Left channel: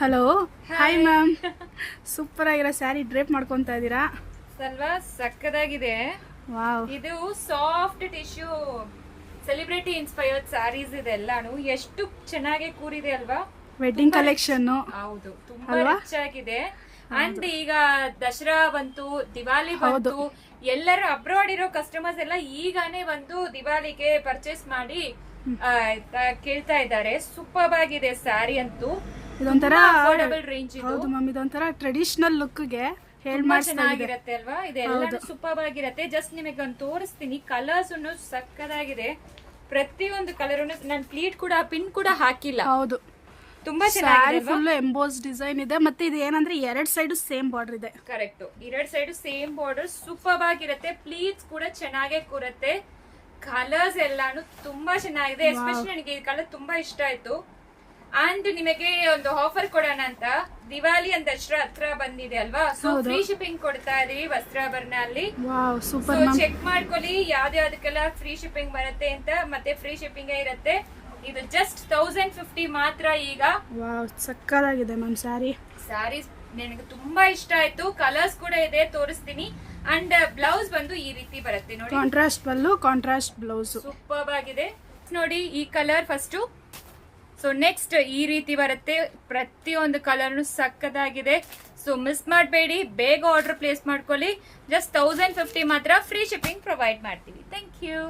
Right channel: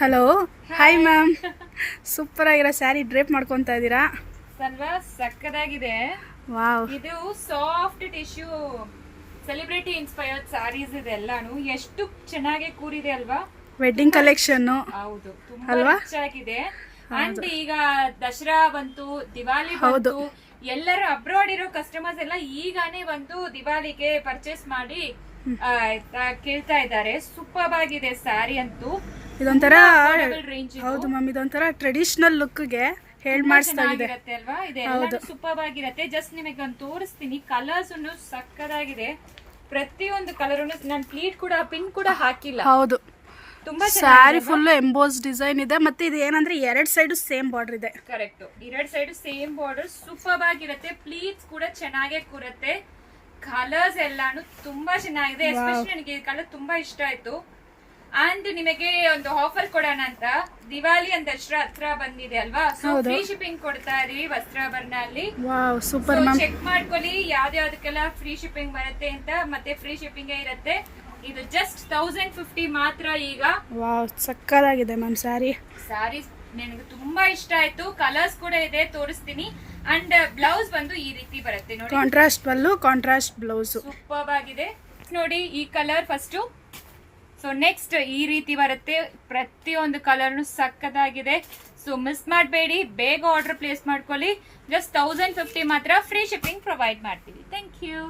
Hello, hi ma'am. Super ಆಗಿರೋ sari drape ಮಾಡ್ಕೊತಾ ಇದ್ದೀರಾ ಅಲ್ವಾ? ಸಕ್ಕದಾಗಿದೆ. ವಾವ್. ಇದು soft tissue celebrity inspired sarees ಇದೆಲ್ಲಾನು ಎಷ್ಟು ಚೆನ್ನಾಗಿ ಕೂರಿದೆ ಅಲ್ವಾ? Wedding collection. ಹೌದು, ತುಂಬಾ ಅಲ್ವಾ? ರಿಚ್ ಆಗಿದೆ. ಅಂಡ್ ಈಗ ದಸರಾ ಬಂತು, ದಿವಾಲಿ ಬಂತು, ಎಲ್ಲರೂ ಅಬ್ರಾಡ್ ಇರೋ ಕಸ್ಟಮರ್ಸ್ ಎಲ್ಲ ಈಗಾನೇ ಬಂದು ದಿವಾಲಿಗೆ ಪರ್ಚೇಸ್ ಮಾಡಿ ಕೇಳ್ತಾ ಇದ್ದಾರೆ. ಸೂಪರ್ ಆಗಿದೆ ಸ್ಯಾರಿ ಅಂತೂ. ಇದೊಂಥರ ರೇಂಜ್. ಹೌದು ಮ್ಯಾಮ್, ಇದೊಂಥರ ಟ್ರೆಡಿಷನಲ್ ಲುಕ್ಗೆ ಹೇಳ್ ಮಾಡಿಸ್ತಾ ಇದೆ ಅಲ್ವಾ? ಇದೆಲ್ಲ ಸೂಪರ್ ಆಗಿರತ್ತೆ. ಜಸ್ಟ್ ನಿಮಗೆ ಒಂದು ತೋರಿಸ್ತೀನಿ. ಕಲರ್ಸ್ ಸಕ್ಕದಾಗಿದೆ. ಪ್ರತಿಯೊಂದು ಕಲರ್ ನಾನು ಪ್ಲೀಟ್ ಕೂಡ ಪಿನ್ ಕೂಡ ಹಾಕಿಲ್ಲ. ಹೌದು, ತುಂಬಾ ಸ್ಯಾರಿ ಫುಲ್ ಎಂಬೋಸ್ ಡಿಸೈನ್ ಇದೆ. ಮತ್ತೆ ಇದು ಏನಂದ್ರೆ ಎರಡ್ ಸೈಡ್ ಸೇಮ್ ಬಾರ್ಡರ್ ಇದೆ. ಕರೆಕ್ಟ್, ಎರಡ್ ಸೈಡ್ ಸೇಮ್ ಬಾರ್ಡರ್. ಸೂಪರ್ ಆಗಿರತ್ತೆ. ಪ್ಲೀಟ್ಸ್ ಕೂಡ ಚೆನ್ನಾಗೇ ಕೂರತ್ತೆ. ಕಲರ್ಸ್ ಎಲ್ಲಾನು ತುಂಬಾ ಚೆನ್ನಾಗಿದೆ. ಎಸ್ಪೆಷಲಿ ನನಗೆ ಈ ಕಲರ್ ತುಂಬಾ ಇಷ್ಟ ಆಯ್ತು. ಅಂಡ್ ನಿಮಗೆ ಒಂದು ಆಫರ್ ಕೊಡೋಣ ಅಂತ, ದಿವಾಲಿ ಅಂತ ಹತ್ರ ಬಂದಿದೆ ಅಲ್ವಾ? ಸೊ ಫ್ರೀ ಶಿಪ್ಪಿಂಗ್ ಕೊಡ್ತಾ ಇದೀವಿ ವಸ್ತ್ರಾಭರಣ ಅಲ್ಲಿ. ಸೂಪರ್ ಮ್ಯಾಮ್, ಚೆಕ್ ಮಾಡ್ಕೊಳ್ಳಿ ಯಾವ್ದಾವ್ದಕ್ಕೆಲ್ಲ ಫ್ರೀ ಶಿಪ್ಪಿಂಗ್ ಬರುತ್ತೆ ಅಂತ. ಮತ್ತೆ ಫ್ರೀ ಶಿಪ್ಪಿಂಗ್ ಇರುತ್ತೆ. ಇದು ಜಸ್ಟ್ 1050 ಮಾತ್ರ ಈಗ. ವಾವ್, ಸಕ್ಕದಾಗಿದೆ ಮ್ಯಾಮ್ ಸ್ಯಾರಿ. ಸ್ಯಾರೀಸ್ ನನಗೆ ತುಂಬಾ ಇಷ್ಟ ಆಯ್ತು. ಕಲರ್ಸ್ ಕೂಡ ಇದೆ, ತೋರಿಸ್ತೀನಿ. ಅಂಡ್ ಬ್ಲೌಸ್ ಬಂದು ಈ ರೀತಿ ಬರುತ್ತೆ ನೋಡಿ. ಕಾಂಟ್ರಾಸ್ಟ್ ಪಲ್ಲು, ಕಾಂಟ್ರಾಸ್ಟ್ ಬ್ಲೌಸ್. ಸೂಪರ್ ಆಗಿದೆ ನೋಡಿ. ಈ ಕಲರ್ ಫಸ್ಟ್. ಸೊ ನೆಕ್ಸ್ಟ್ ಈ ರೀತಿ ಬರುತ್ತೆ. ಪ್ರತಿಯೊಂದು ಕಲರ್ ಸಕ್ಕದಾಗಿದೆ. ಸೊ ಮಿಸ್ ಮಾಡಬೇಡಿ, ಬೇಗ ಆರ್ಡರ್ ಪ್ಲೇಸ್ ಮಾಡ್ಕೊಳ್ಳಿ. ಜಸ್ಟ್ 1050 ಮಾತ್ರ ಫ್ರೀ ಶಿಪ್ಪಿಂಗ್ ಪ್ರೊವೈಡ್ ಮಾಡ್ತೀವಿ. Thank you.